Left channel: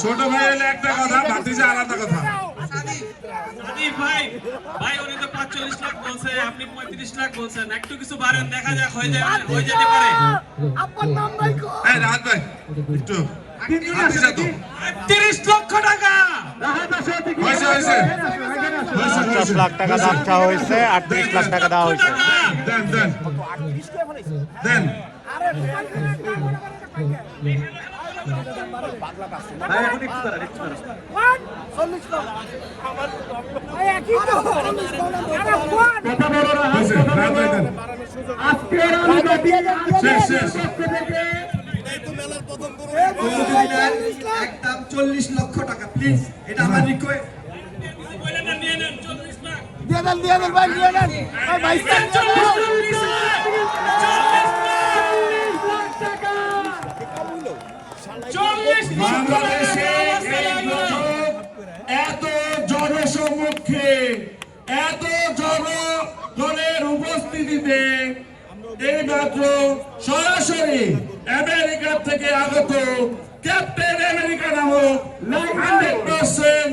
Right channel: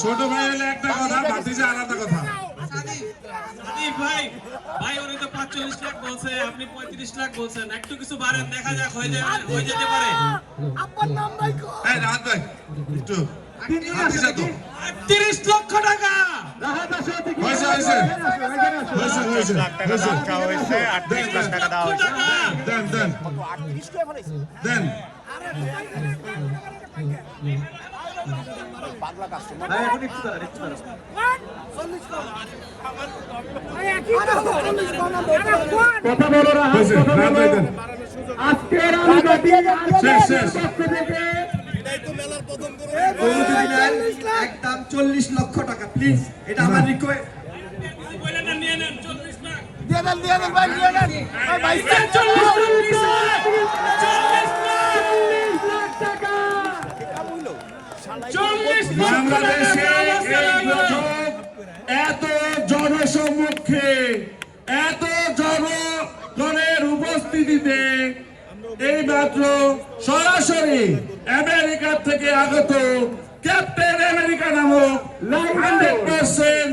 ছোট ভাই হলে একটা কথা ভাতিজা আলাদা কথা। এই ভাই ভাই তো 45 লাখ বলছে আপনি 35 লাখ বলছেন একটু কিছু বাড়ান দেখা যাক হয়ে যায় হয়ে যেতে পারে। রাত ভাই একটু। ভাতিজা তো। 30 লক্ষ টাকা। হয়েছে লাখ টাকা দাম চাওয়া হয়েছে আটত্রিশ লাখ টাকা দেওয়া হয়েছে। দেন শেষ শেষ একদম চল্লিশ লক্ষ টাকা প্লিজ এটা আমার রিকোয়েস্ট দিয়ে দেন দিয়ে দেন ভাই দিয়ে দেন। ভাই বাইশ বাংলাদেশে এত জনসম্মুখে এত জনগণের উপস্থিতিতে এই মাত্র সরাসরি আমেরিকা থেকে আগত ক্যাপ্টেন আমেরিকা নামক 100%